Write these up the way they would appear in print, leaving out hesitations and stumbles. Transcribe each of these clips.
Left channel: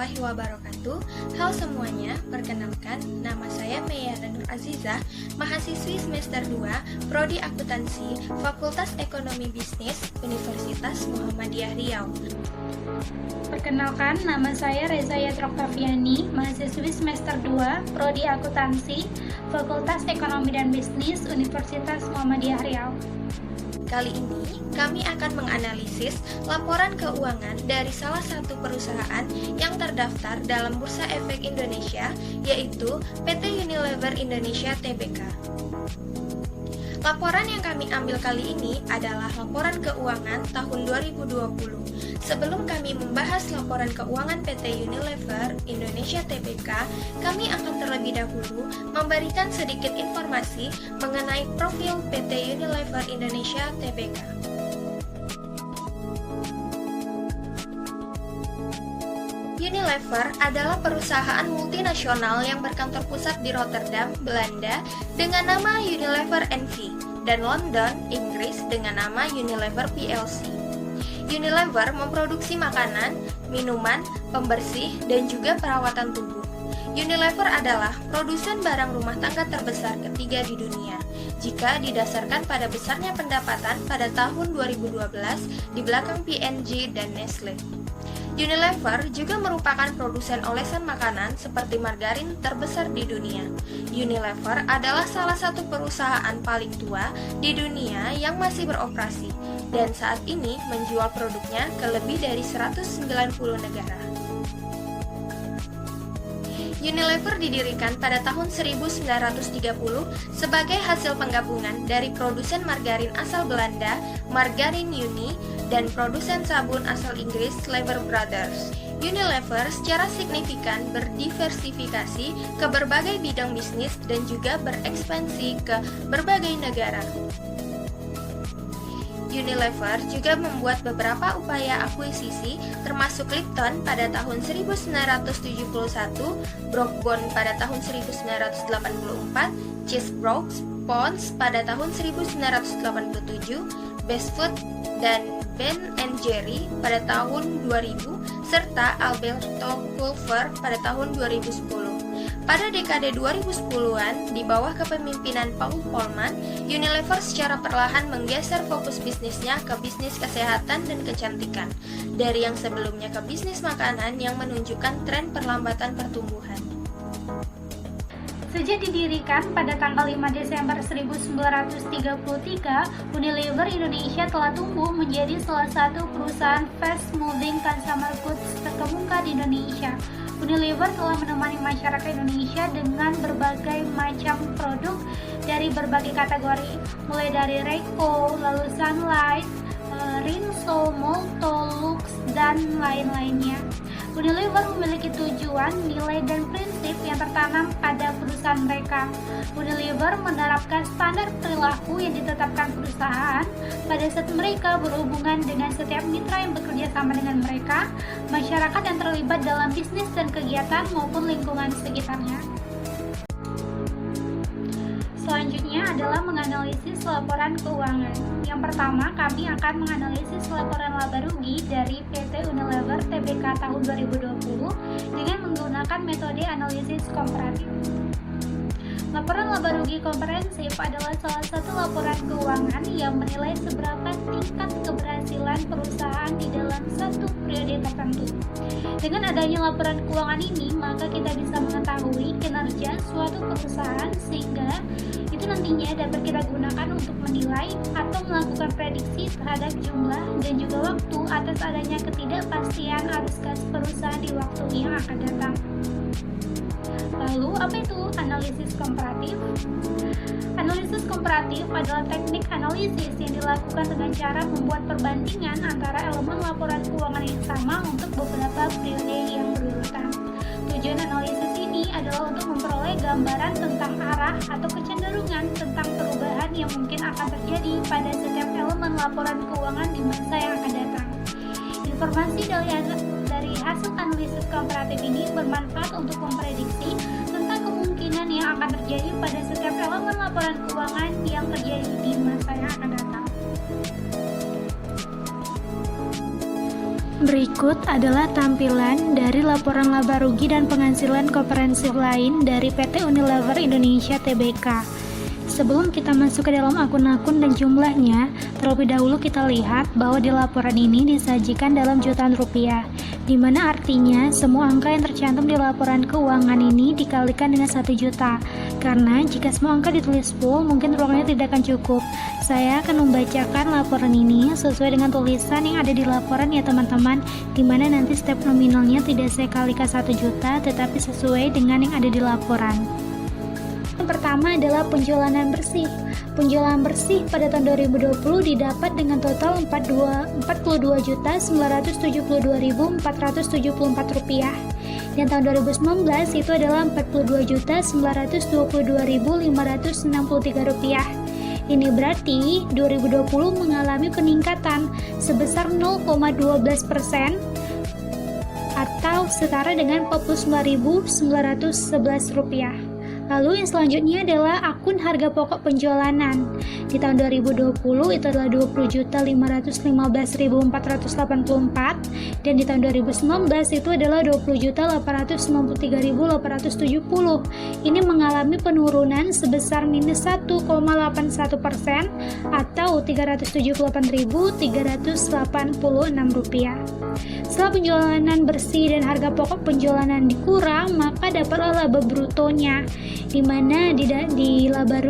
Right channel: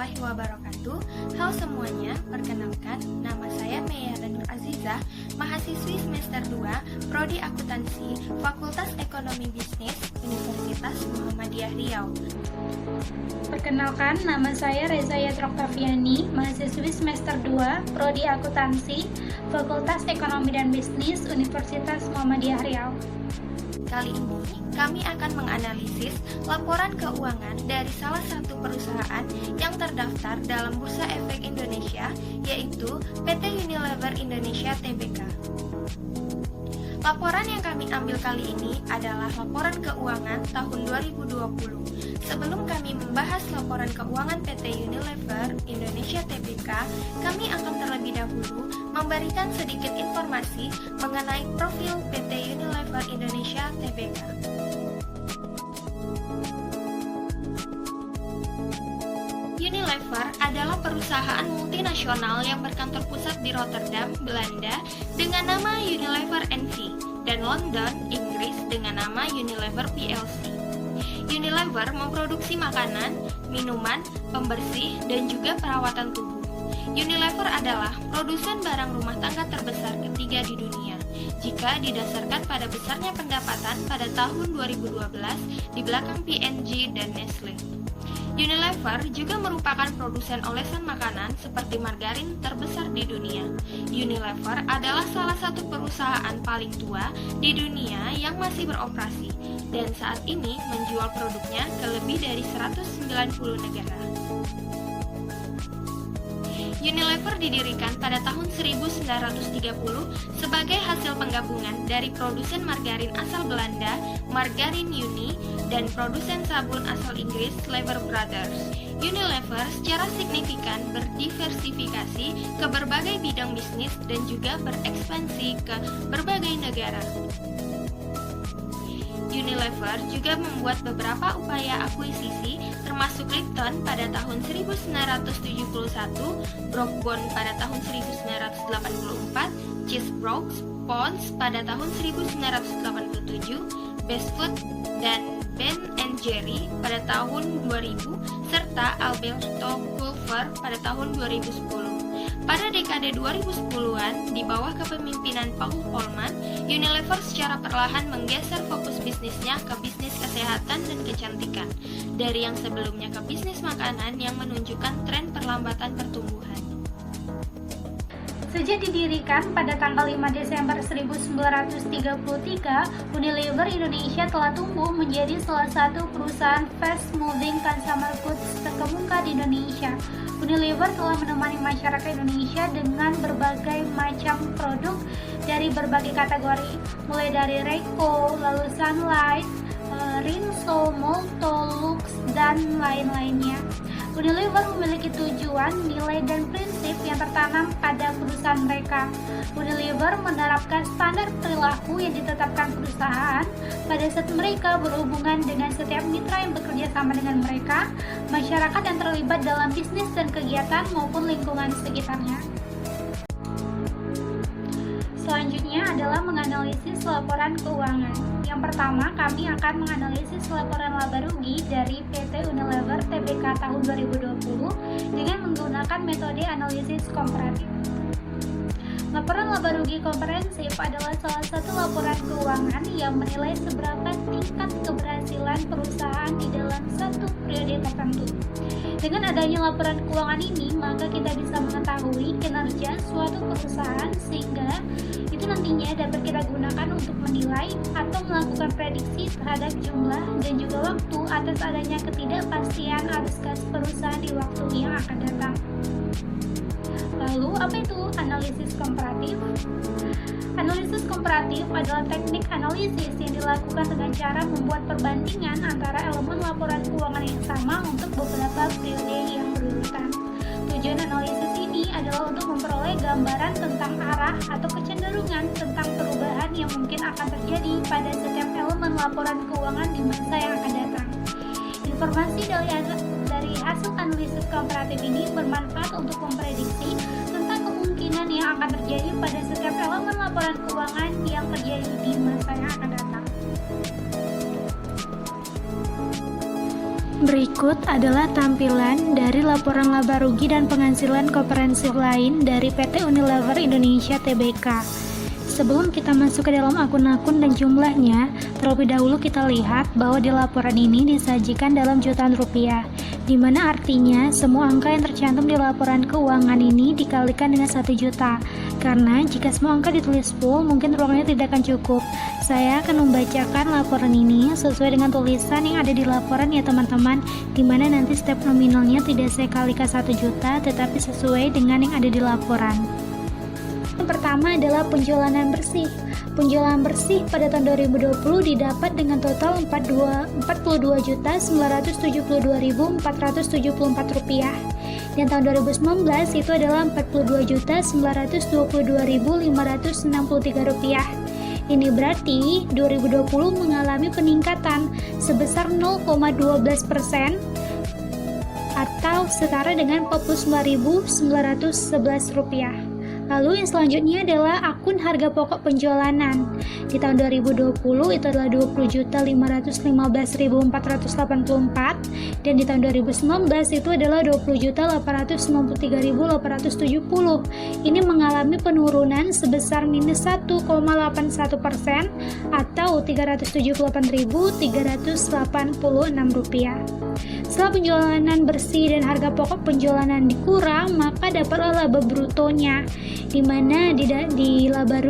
warahmatullahi wabarakatuh. Halo semuanya, perkenalkan nama saya Meyara Nur Azizah, mahasiswi semester 2, Prodi Akuntansi, Fakultas Ekonomi Bisnis, Universitas Muhammadiyah Riau. Perkenalkan, nama saya Reza Yatra Oktaviani, mahasiswi semester 2, Prodi Akuntansi, Fakultas Ekonomi dan Bisnis, Universitas Muhammadiyah Riau. Kali ini, kami akan menganalisis laporan keuangan dari salah satu perusahaan yang terdaftar dalam Bursa Efek Indonesia, yaitu PT Unilever Indonesia Tbk. Laporan yang kami ambil kali ini adalah laporan keuangan tahun 2020. Sebelum kami membahas laporan keuangan PT Unilever Indonesia Tbk, kami akan terlebih dahulu memberikan sedikit informasi mengenai profil PT Unilever Indonesia Tbk. Unilever adalah perusahaan multinasional yang berkantor pusat di Rotterdam, Belanda dengan nama Unilever NV dan London, Inggris dengan nama Unilever plc. Unilever memproduksi makanan, minuman, pembersih, dan juga perawatan tubuh. Unilever adalah produsen barang rumah tangga terbesar ketiga di dunia jika didasarkan pada besarnya pendapatan pada tahun 2012 di belakang P&G dan Nestle. Unilever juga merupakan produsen olesan makanan seperti margarin terbesar di dunia. Unilever adalah salah satu perusahaan paling tua di dunia yang masih beroperasi dan saat ini menjual produknya ke lebih dari 190 negara. Unilever didirikan pada tahun 1930 sebagai hasil penggabungan dari produsen margarin asal Belanda, Margarin Uni, dan produsen sabun asal Inggris, Lever Brothers. Unilever secara signifikan berdiversifikasi ke berbagai bidang bisnis dan juga berekspansi ke berbagai negara. Unilever juga membuat beberapa upaya akuisisi termasuk Lipton pada tahun 1971, Brooke-Bond pada tahun 1984, Chesebrough, Pond's pada tahun 1987, Best Food dan Ben & Jerry pada tahun 2000, serta Alberto Culver pada tahun 2010. Pada dekade 2010-an, di bawah kepemimpinan Paul Polman, Unilever secara perlahan menggeser fokus bisnisnya ke bisnis kesehatan dan kecantikan, dari yang sebelumnya ke bisnis makanan yang menunjukkan tren perlambatan pertumbuhan. Sejak didirikan pada tanggal 5 Desember 1933, Unilever Indonesia telah tumbuh menjadi salah satu perusahaan fast-moving consumer goods terkemuka di Indonesia. Unilever telah menemani masyarakat Indonesia dengan berbagai macam produk dari berbagai kategori, mulai dari Reiko, lalu Sunlight, Rinso, Molto, Lux, dan lain-lainnya. Unilever memiliki tujuan, nilai, dan prinsip yang tertanam pada perusahaan mereka. Unilever menerapkan standar perilaku yang ditetapkan perusahaan pada saat mereka berhubungan dengan setiap mitra yang bekerja sama dengan mereka, masyarakat yang terlibat dalam bisnis dan kegiatan maupun lingkungan sekitarnya. Selanjutnya adalah menganalisis laporan keuangan. Yang pertama, kami akan menganalisis laporan laba rugi dari PT Unilever Tbk tahun 2020 dengan menggunakan metode analisis komparatif. Laporan laba rugi komprehensif adalah salah satu laporan keuangan yang menilai seberapa tingkat keberhasilan perusahaan di dalam satu periode tertentu. Dengan adanya laporan keuangan ini, maka kita bisa mengetahui kinerja suatu perusahaan sehingga itu nantinya dapat kita gunakan untuk menilai atau melakukan prediksi terhadap jumlah dan juga waktu atas adanya ketidakpastian arus kas perusahaan di waktu yang akan datang. Lalu, apa itu analisis komparatif? Analisis komparatif adalah teknik analisis yang dilakukan dengan cara membuat perbandingan antara elemen laporan keuangan yang sama untuk beberapa periode yang berurutan. Tujuan analisis ini adalah untuk memperoleh gambaran tentang arah atau kecenderungan tentang perubahan yang mungkin akan terjadi pada setiap elemen laporan keuangan di masa yang akan datang. Informasi dari hasil analisis komparatif ini bermanfaat untuk memprediksi tentang kemungkinan yang akan terjadi pada setiap elemen laporan keuangan yang terjadi di masa yang akan datang. Berikut adalah tampilan dari laporan laba rugi dan penghasilan komprehensif lain dari PT Unilever Indonesia Tbk. Sebelum kita masuk ke dalam akun-akun dan jumlahnya, terlebih dahulu kita lihat bahwa di laporan ini disajikan dalam jutaan rupiah, di mana artinya semua angka yang tercantum di laporan keuangan ini dikalikan dengan 1 juta. Karena jika semua angka ditulis full, mungkin ruangnya tidak akan cukup. Saya akan membacakan laporan ini sesuai dengan tulisan yang ada di laporan ya teman-teman, di mana nanti setiap nominalnya tidak saya kalikan 1 juta, tetapi sesuai dengan yang ada di laporan. Yang pertama adalah penjualan bersih. Penjualan bersih pada tahun 2020 didapat dengan total Rp42.472.474. Dan tahun 2019 itu adalah Rp42.922.563. Ini berarti 2020 mengalami peningkatan sebesar 0,12% atau setara dengan Rp49.911. Lalu yang selanjutnya adalah akun harga pokok penjualanan. Di tahun 2020 itu adalah Rp20.515.484 dan di tahun 2019 itu adalah Rp20.893.870. Ini mengalami penurunan sebesar minus 1,81% atau Rp378.386. Setelah penjualan bersih dan harga pokok penjualan dikurang, maka dapatlah laba brutonya, di mana di laba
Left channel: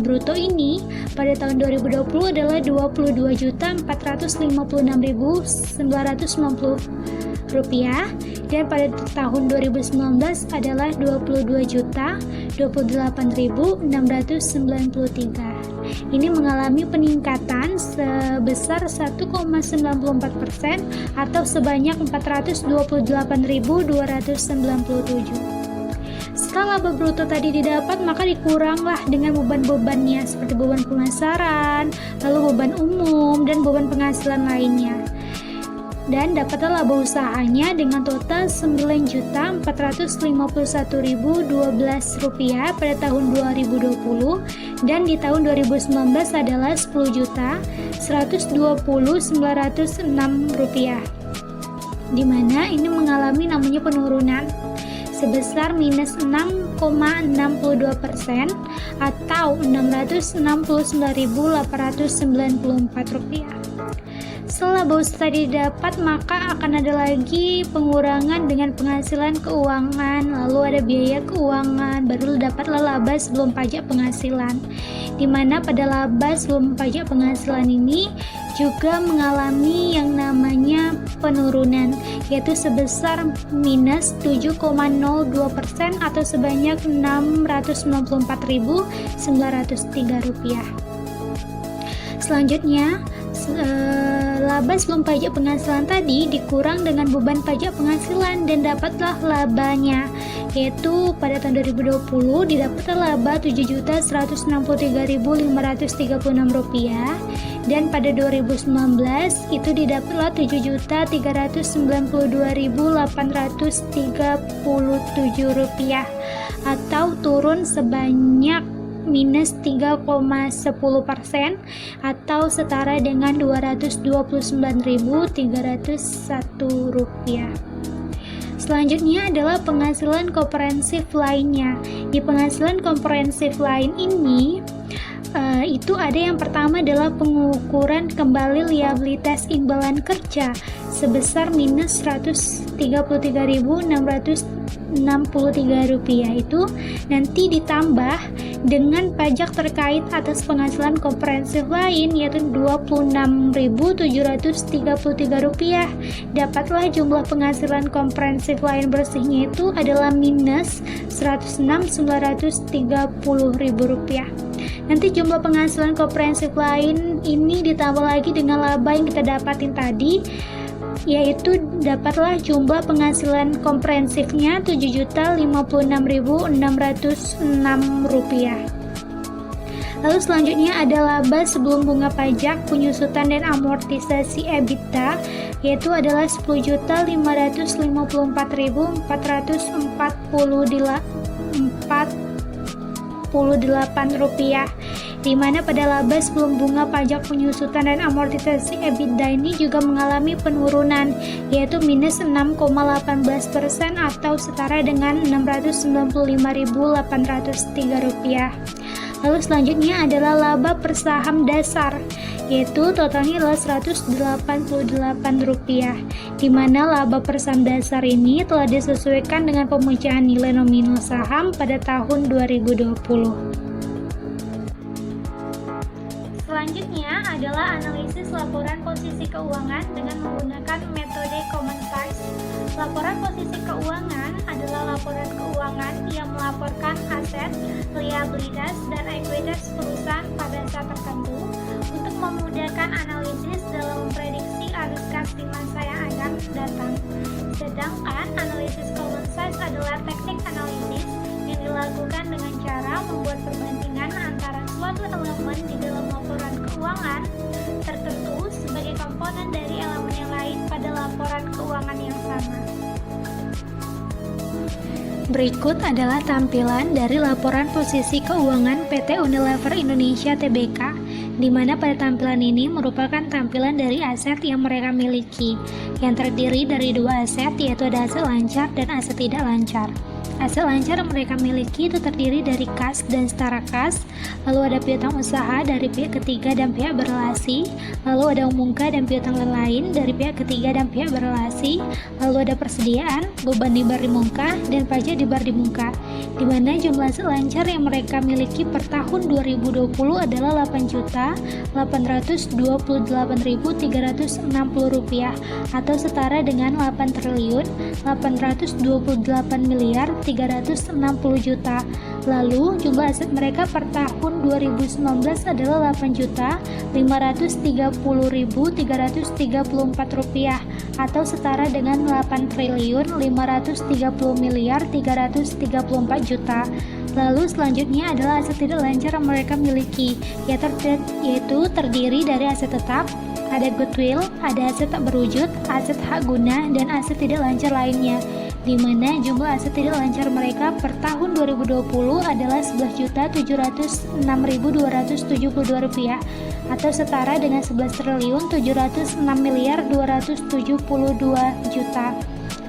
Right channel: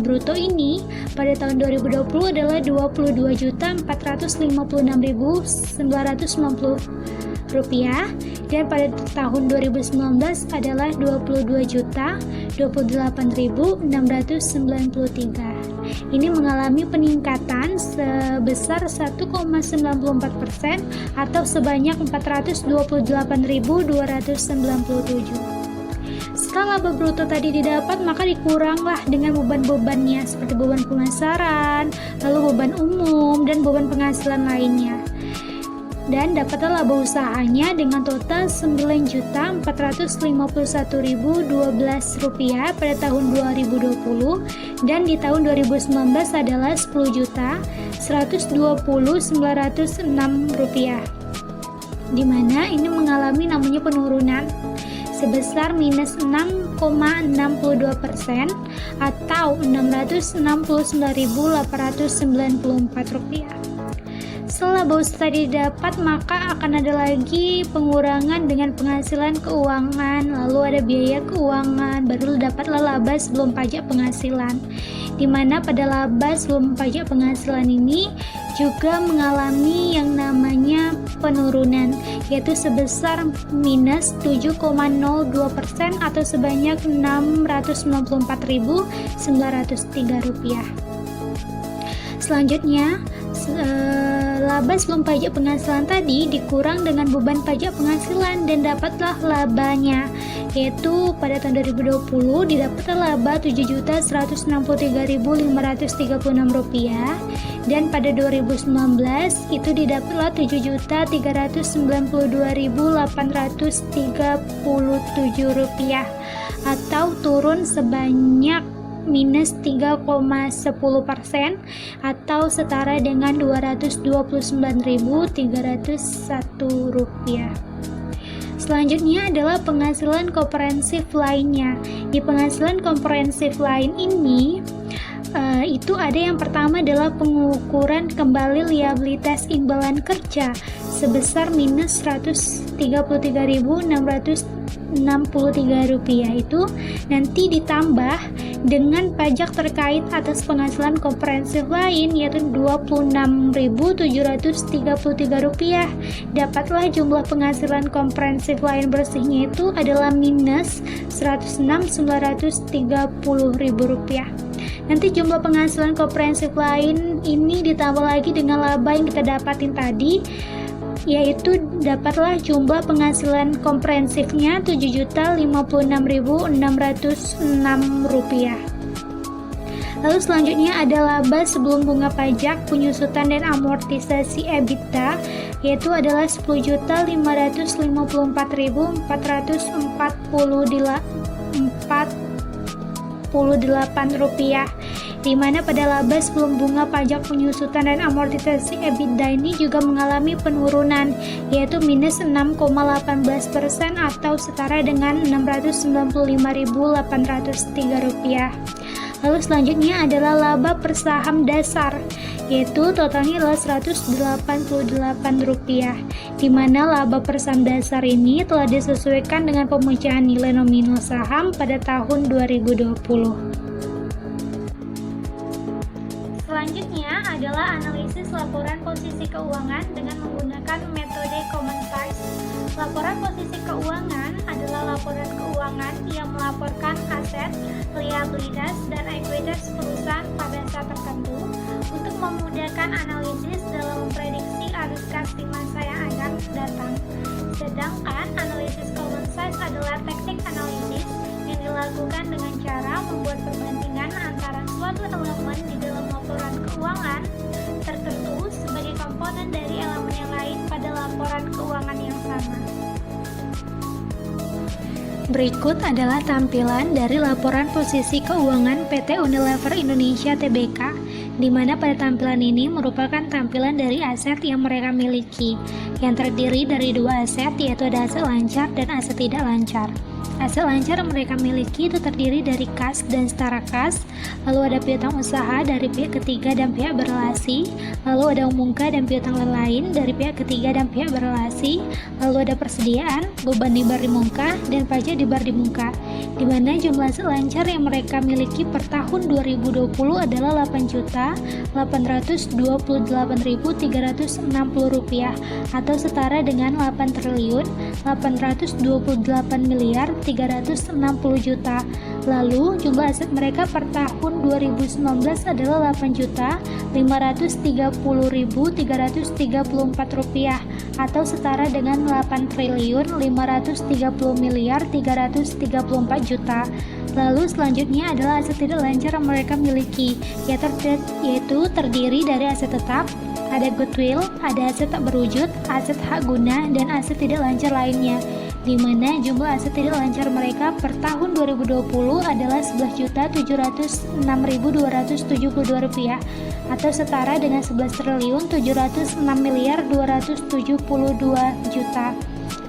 bruto ini pada tahun 2020 adalah Rp22.456.990 dan pada tahun 2019 adalah Rp22.028.693. Ini mengalami peningkatan sebesar 1,94% atau sebanyak 428.297. Setelah laba bruto tadi didapat, maka dikuranglah dengan beban-bebannya seperti beban pemasaran, lalu beban umum, dan beban penghasilan lainnya. Dan dapatlah laba usahanya dengan total Rp9.451.012 pada tahun 2020 dan di tahun 2019 adalah Rp10.120.906, di mana ini mengalami namanya penurunan sebesar minus 6,62% atau Rp669.894. Setelah laba usaha tadi didapat, maka akan ada lagi pengurangan dengan penghasilan keuangan, lalu ada biaya keuangan, baru dapatlah laba sebelum pajak penghasilan, di mana pada laba sebelum pajak penghasilan ini juga mengalami yang namanya penurunan, yaitu sebesar minus 7,02% atau sebanyak Rp694.903. Selanjutnya, laba sebelum pajak penghasilan tadi dikurang dengan beban pajak penghasilan dan dapatlah labanya, yaitu pada tahun 2020 didapatlah laba Rp7.163.536 dan pada 2019 itu didapatlah Rp7.392.837 atau turun sebanyak minus 3,10% atau setara dengan Rp229.301. Selanjutnya adalah penghasilan komprehensif lainnya. Di penghasilan komprehensif lain ini itu ada yang pertama adalah pengukuran kembali liabilitas imbalan kerja sebesar minus Rp133.663 itu nanti ditambah dengan pajak terkait atas penghasilan komprehensif lain yaitu Rp26.733. Dapatlah jumlah penghasilan komprehensif lain bersihnya itu adalah minus Rp106.930. Nanti jumlah penghasilan komprehensif lain ini ditambah lagi dengan laba yang kita dapatin tadi, yaitu dapatlah jumlah penghasilan komprehensifnya Rp7.056.606. Lalu selanjutnya ada laba sebelum bunga pajak, penyusutan dan amortisasi EBITDA, yaitu adalah Rp10.554.440 rupiah, di mana pada laba sebelum bunga pajak penyusutan dan amortisasi EBITDA ini juga mengalami penurunan, yaitu minus 6,18% atau setara dengan Rp695.803. Lalu selanjutnya adalah laba per saham dasar, yaitu totalnya adalah Rp188, di mana laba per saham dasar ini telah disesuaikan dengan pemecahan nilai nominal saham pada tahun 2020. Selanjutnya adalah analisis laporan posisi keuangan dengan menggunakan metode common size. Laporan posisi keuangan adalah laporan keuangan yang melaporkan aset, liabilitas, dan ekuitas perusahaan pada saat tertentu untuk memudahkan analisis dalam memprediksi arus kas di masa yang akan datang. Sedangkan analisis common size adalah teknik analisis yang dilakukan dengan cara membuat perbandingan antara suatu elemen di dalam laporan keuangan tertentu sebagai komponen dari elemen yang lain pada laporan keuangan yang sama. Berikut adalah tampilan dari laporan posisi keuangan PT Unilever Indonesia Tbk, di mana pada tampilan ini merupakan tampilan dari aset yang mereka miliki, yang terdiri dari dua aset, yaitu ada aset lancar dan aset tidak lancar. Aset lancar yang mereka miliki itu terdiri dari kas dan setara kas, lalu ada piutang usaha dari pihak ketiga dan pihak berelasi, lalu ada umumka dan piutang lain dari pihak ketiga dan pihak berelasi, lalu ada persediaan, beban di bar di muka, dan pajak di bar di muka, di mana jumlah aset lancar yang mereka miliki per tahun 2020 adalah Rp828.360 atau setara dengan Rp8.828.360.000. Lalu jumlah aset mereka per tahun 2019 adalah Rp8.830.334 atau setara dengan Rp8.530.334. Lalu selanjutnya adalah aset tidak lancar yang mereka miliki, yaitu terdiri dari aset tetap, ada goodwill, ada aset tak berwujud, aset hak guna, dan aset tidak lancar lainnya, di mana jumlah aset tidak lancar mereka per tahun 2020 adalah Rp11.006.272 atau setara dengan Rp11.706.272.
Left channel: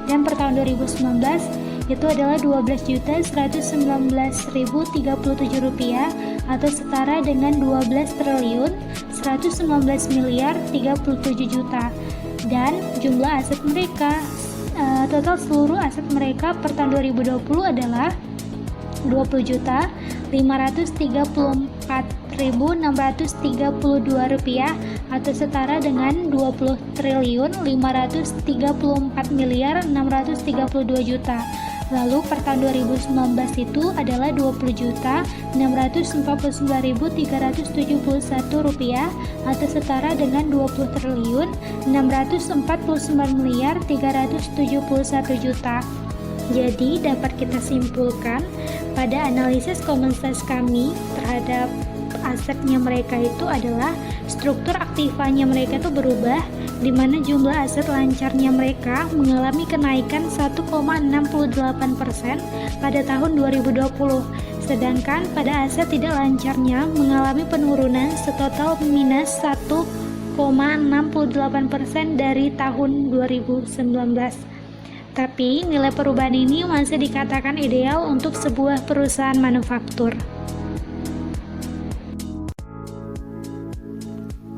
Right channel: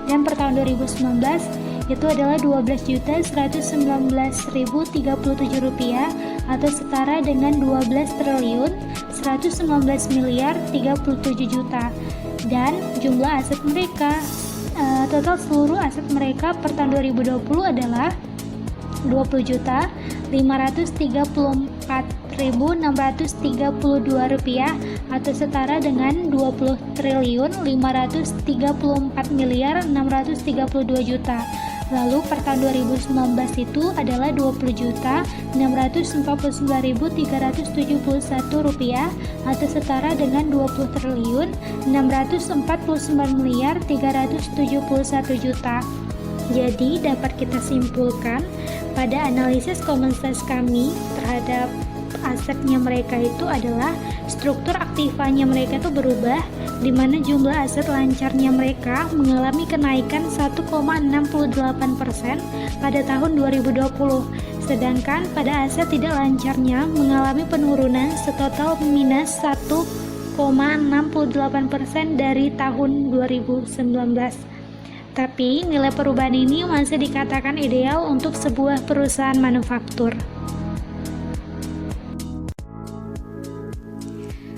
Dan per tahun 2019 itu adalah Rp12.119.037 atau setara dengan Rp12.119.037. Dan jumlah aset mereka, total seluruh aset mereka per tahun 2020 adalah Rp20.534.632 atau setara dengan Rp20.534.632. Lalu per tahun 2019 itu adalah Rp20.649.371 atau setara dengan Rp20.649.371. Jadi dapat kita simpulkan pada analisis common size kami terhadap asetnya mereka itu adalah struktur aktivanya mereka itu berubah, di mana jumlah aset lancarnya mereka mengalami kenaikan 1,68% pada tahun 2020, sedangkan pada aset tidak lancarnya mengalami penurunan setotal minus 1,68% dari tahun 2019. Tapi nilai perubahan ini masih dikatakan ideal untuk sebuah perusahaan manufaktur.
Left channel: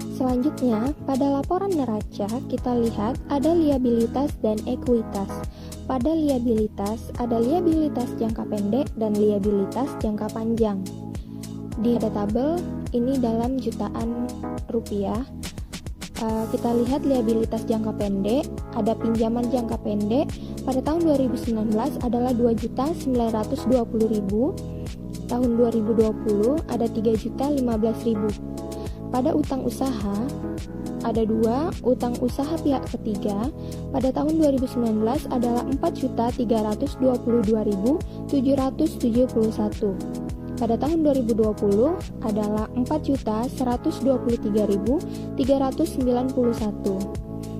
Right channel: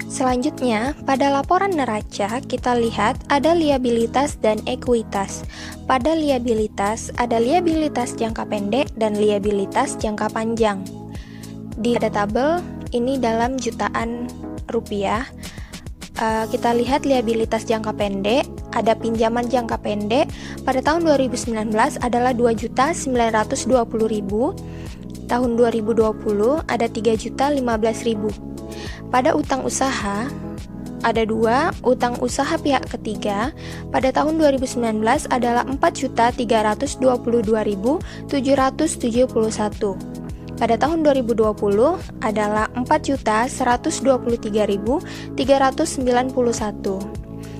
Selanjutnya, pada laporan neraca kita lihat ada liabilitas dan ekuitas. Pada liabilitas ada liabilitas jangka pendek dan liabilitas jangka panjang. Di tabel ini dalam jutaan rupiah. Kita lihat liabilitas jangka pendek, ada pinjaman jangka pendek pada tahun 2019 adalah 2.920.000, tahun 2020 ada 3.015.000. Pada utang usaha ada 2, utang usaha pihak ketiga pada tahun 2019 adalah 4.322.771. Pada tahun 2020 adalah 4.123.391.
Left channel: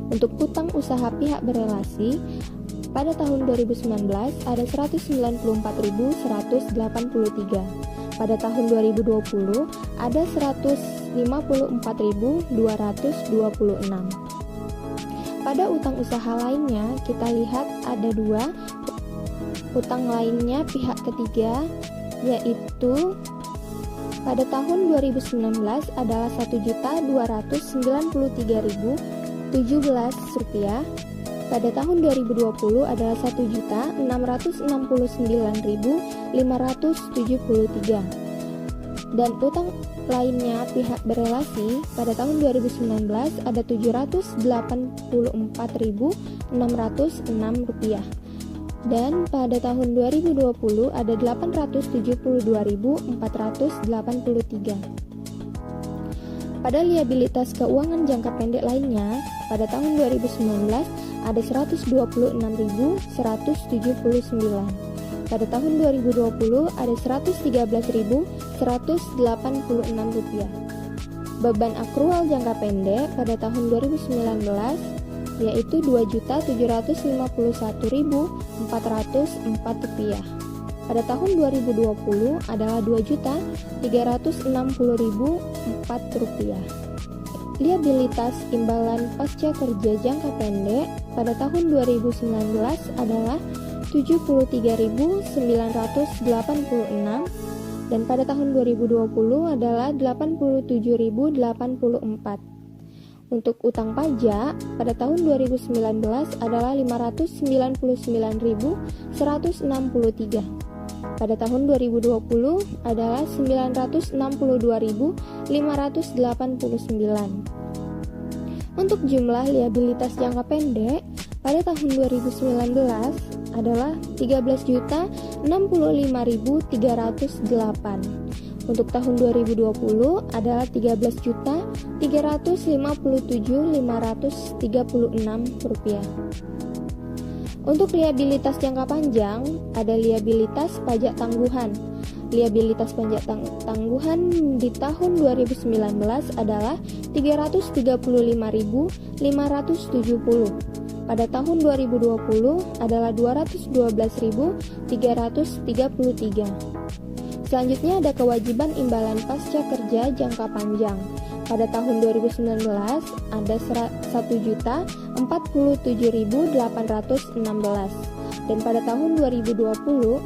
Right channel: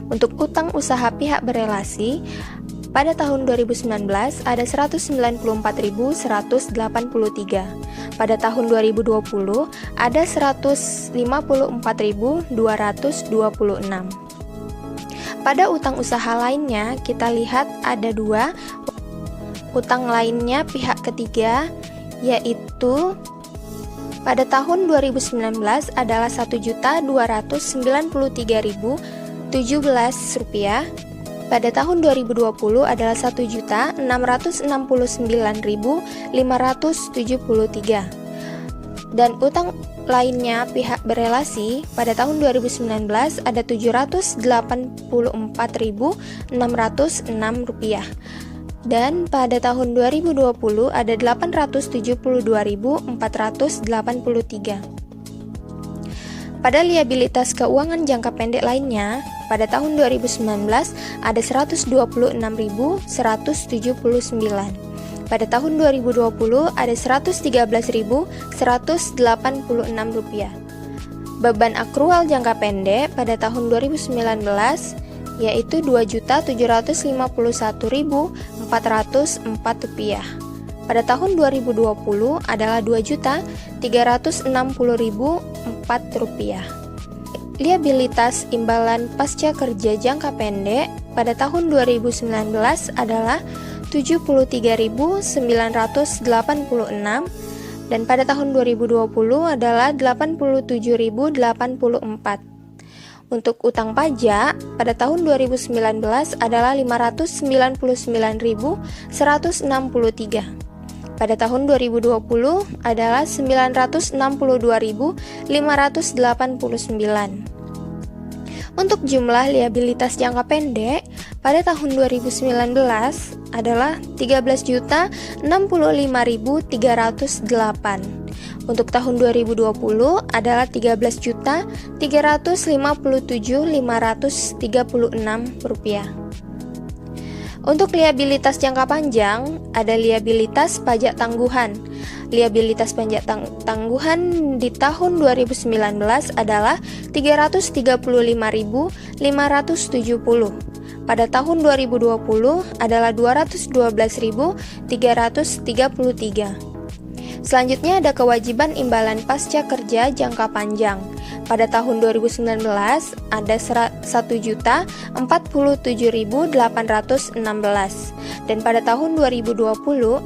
Untuk utang usaha pihak berelasi pada tahun 2019 ada 194.183. Pada tahun 2020 ada 154.226. Pada utang usaha lainnya kita lihat ada 2 utang lainnya pihak ketiga, yaitu pada tahun 2019 adalah Rp1.293.017. Pada tahun 2020 adalah Rp1.669.573. Dan utang lainnya pihak berelasi pada tahun 2019 ada Rp784.606. Dan pada tahun 2020 ada 872.483. Pada liabilitas keuangan jangka pendek lainnya, pada tahun 2019 ada 126.179. Pada tahun 2020 ada Rp113.186. Beban akrual jangka pendek pada tahun 2019 yaitu Rp2.751.404. Pada tahun 2020 adalah Rp2.360.004. Liabilitas imbalan pasca kerja jangka pendek pada tahun 2019 adalah Rp73.986 dan pada tahun 2020 adalah Rp87.084. Untuk utang pajak pada tahun 2019 adalah Rp599.163. Pada tahun 2020 adalah Rp962.589. Untuk jumlah liabilitas jangka pendek pada tahun 2019 adalah Rp13.065.308. Untuk tahun 2020 adalah Rp13.057.536. Untuk liabilitas jangka panjang, ada liabilitas pajak tangguhan. Liabilitas pajak tangguhan di tahun 2019 adalah Rp335.570. Pada tahun 2020 adalah Rp212.333. Selanjutnya ada kewajiban imbalan pasca kerja jangka panjang. Pada tahun 2019 ada Rp1.047.816 dan pada tahun 2020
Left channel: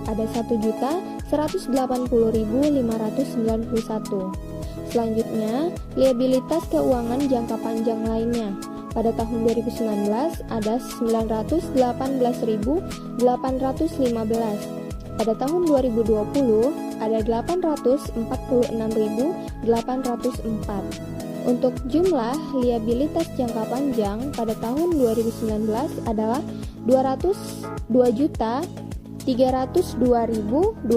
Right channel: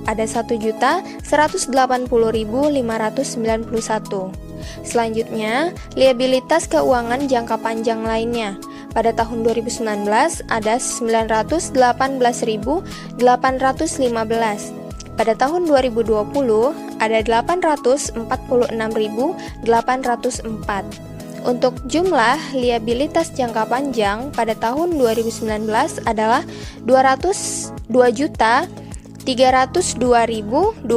ada Rp1.180.591. Selanjutnya, liabilitas keuangan jangka panjang lainnya. Pada tahun 2019 ada Rp918.815. Pada tahun 2020 ada Rp846.804. Untuk jumlah liabilitas jangka panjang pada tahun 2019 adalah Rp202.302.201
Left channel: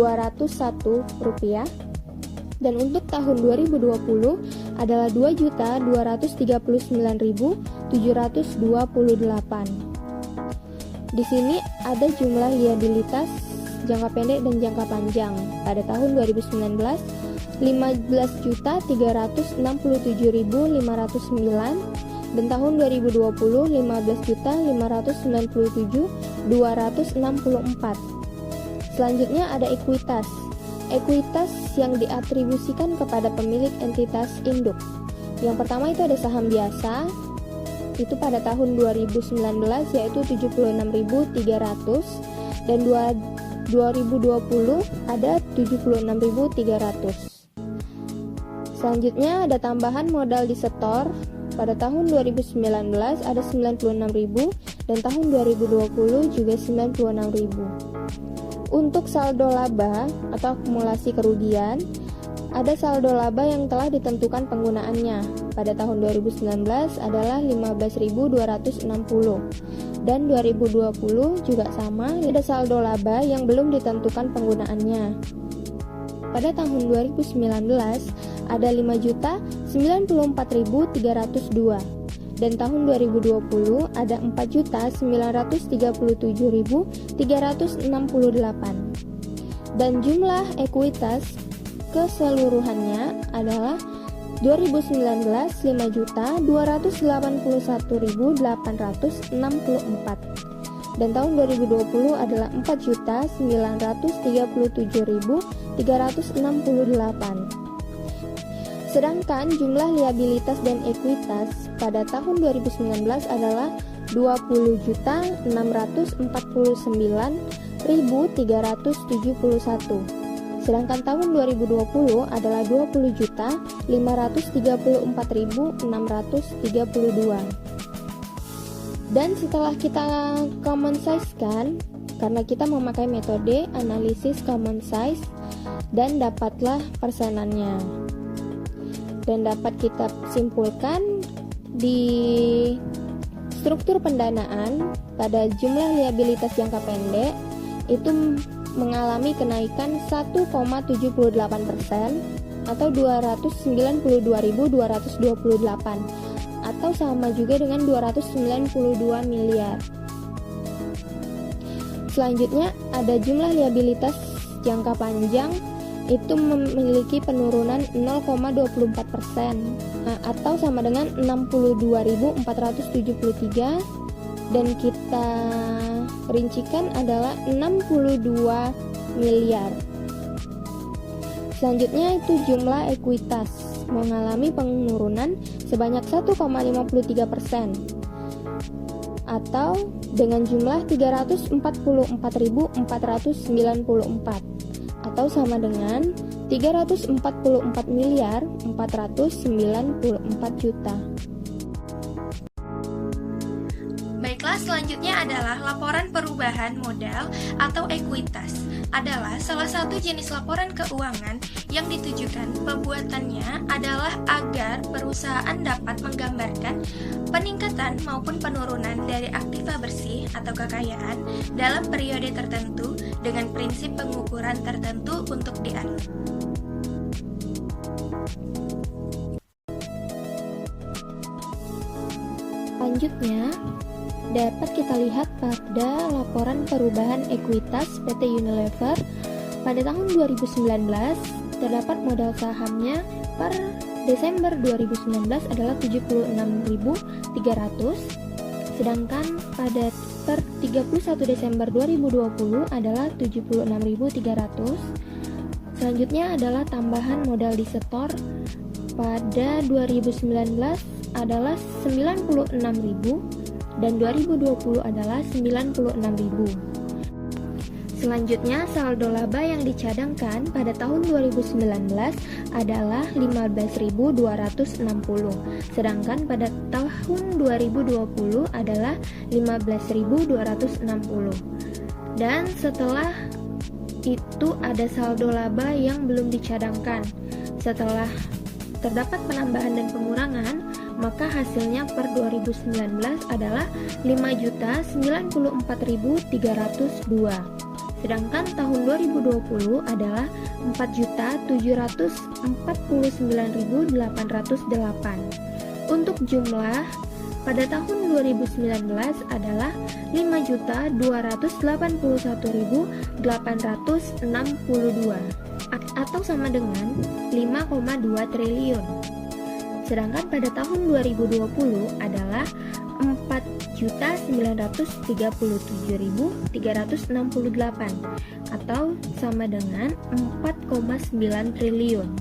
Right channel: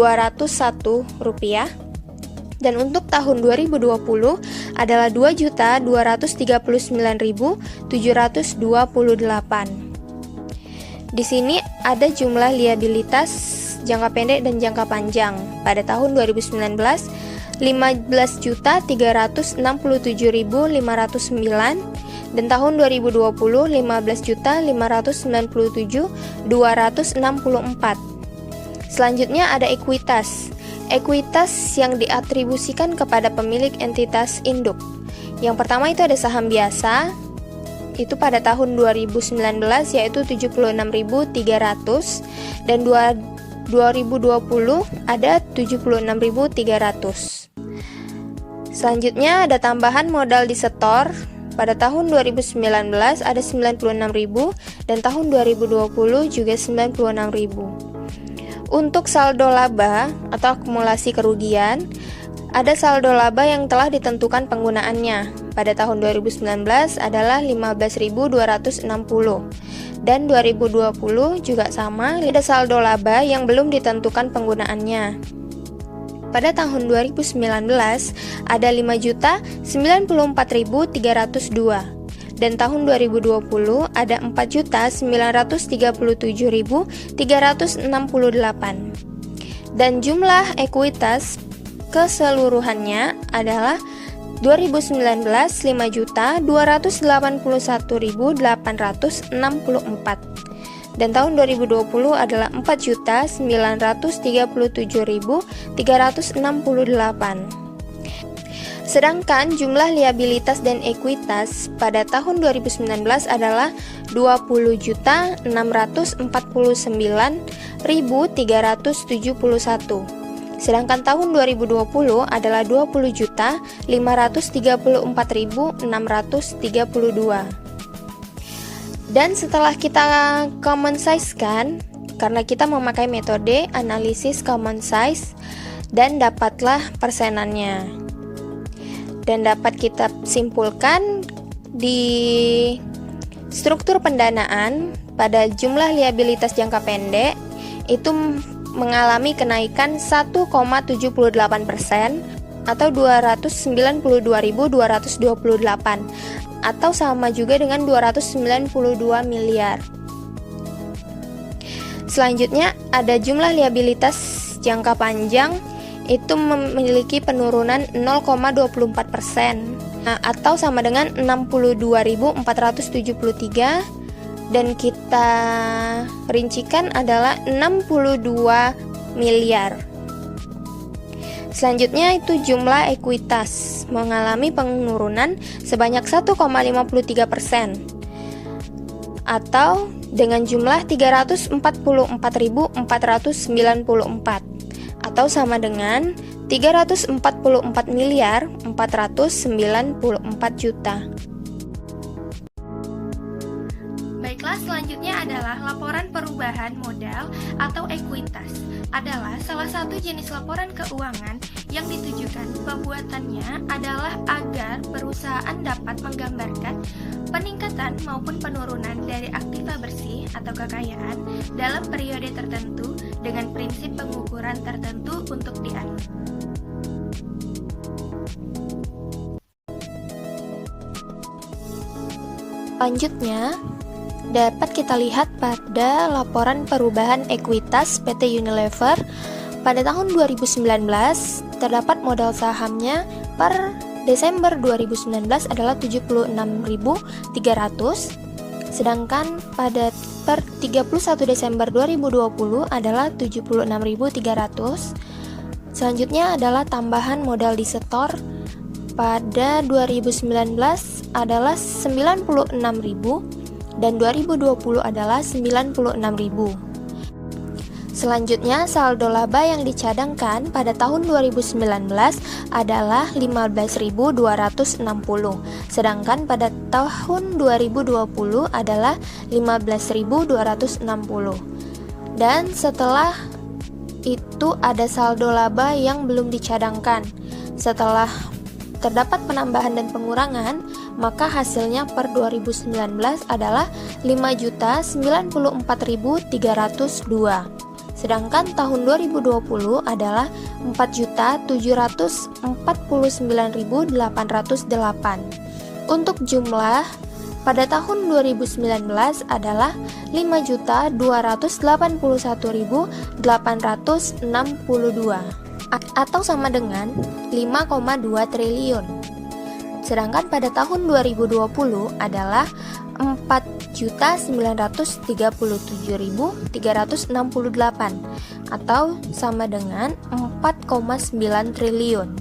dan untuk tahun 2020 adalah Rp2.039.728. Di sini ada jumlah liabilitas jangka pendek dan jangka panjang. Pada tahun 2019 15.367.509 dan tahun 2020 15.597.264. Selanjutnya ada ekuitas. Ekuitas yang diatribusikan kepada pemilik entitas induk. Yang pertama itu ada saham biasa. Itu pada tahun 2019 yaitu 76.300 dan 2020 ada 76.300. Selanjutnya ada tambahan modal di setor. Pada tahun 2019 ada 96.000 dan tahun 2020 juga 96.000. Untuk saldo laba atau akumulasi kerugian, ada saldo laba yang telah ditentukan penggunaannya. Pada tahun 2019 adalah 15.260 dan 2020 juga sama, ada saldo laba yang belum ditentukan penggunaannya. Pada tahun 2019 ada 5.094.302 dan tahun 2020 ada 4.097.368. Dan jumlah ekuitas keseluruhannya adalah 2019 5.281.864. dan tahun 2020 adalah 4.937.368. Sedangkan jumlah liabilitas dan ekuitas pada tahun 2019 adalah 20.649.371. Sedangkan tahun 2020 adalah 20.534.632. Dan setelah kita common size kan, karena kita memakai metode analisis common size, dan dapatlah persenannya. Dan dapat kita simpulkan di struktur pendanaan pada jumlah liabilitas jangka pendek itu mengalami kenaikan 1,78% atau 292.228 atau sama juga dengan 292 miliar. Selanjutnya ada jumlah liabilitas jangka panjang itu memiliki penurunan 0,24% atau sama dengan 62.473 dan kita rincikan adalah 62 miliar. Selanjutnya itu jumlah ekuitas mengalami penurunan sebanyak 1,53% atau dengan jumlah 344.494 atau sama dengan 344.494 juta. Baiklah, selanjutnya adalah laporan perubahan modal atau ekuitas. Adalah salah satu jenis laporan keuangan yang ditujukan pembuatannya adalah agar perusahaan dapat menggambarkan peningkatan maupun penurunan dari aktiva bersih atau kekayaan dalam periode tertentu dengan prinsip pengukuran tertentu untuk dianut. Selanjutnya, dapat kita lihat pada laporan perubahan ekuitas PT Unilever pada tahun 2019 terdapat modal sahamnya per Desember 2019 adalah 76.300, sedangkan pada per 31 Desember 2020 adalah 76.300. Selanjutnya adalah tambahan modal disetor pada 2019 adalah 96.000 dan 2020 adalah 96.000. Selanjutnya, saldo laba yang dicadangkan pada tahun 2019 adalah 15.260, sedangkan pada tahun 2020 adalah 15.260. Dan setelah itu ada saldo laba yang belum dicadangkan. Setelah terdapat penambahan dan pengurangan, maka hasilnya per 2019 adalah 5.094.302. Sedangkan tahun 2020 adalah 4.749.808. Untuk jumlah pada tahun 2019 adalah 5.281.862 atau sama dengan 5,2 triliun. Sedangkan pada tahun 2020 adalah 4.937.368 atau sama dengan 4,9 triliun.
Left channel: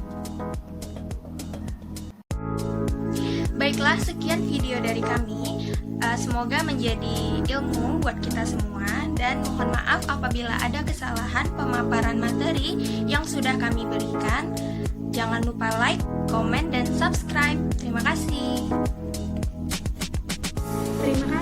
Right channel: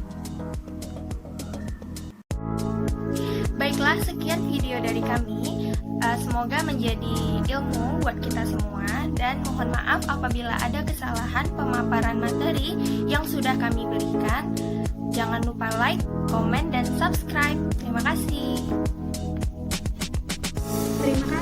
Baiklah, sekian video dari kami. Semoga menjadi ilmu buat kita semua, dan mohon maaf apabila ada kesalahan pemaparan materi yang sudah kami berikan. Jangan lupa like, komen, dan subscribe. Terima kasih. Terima kasih.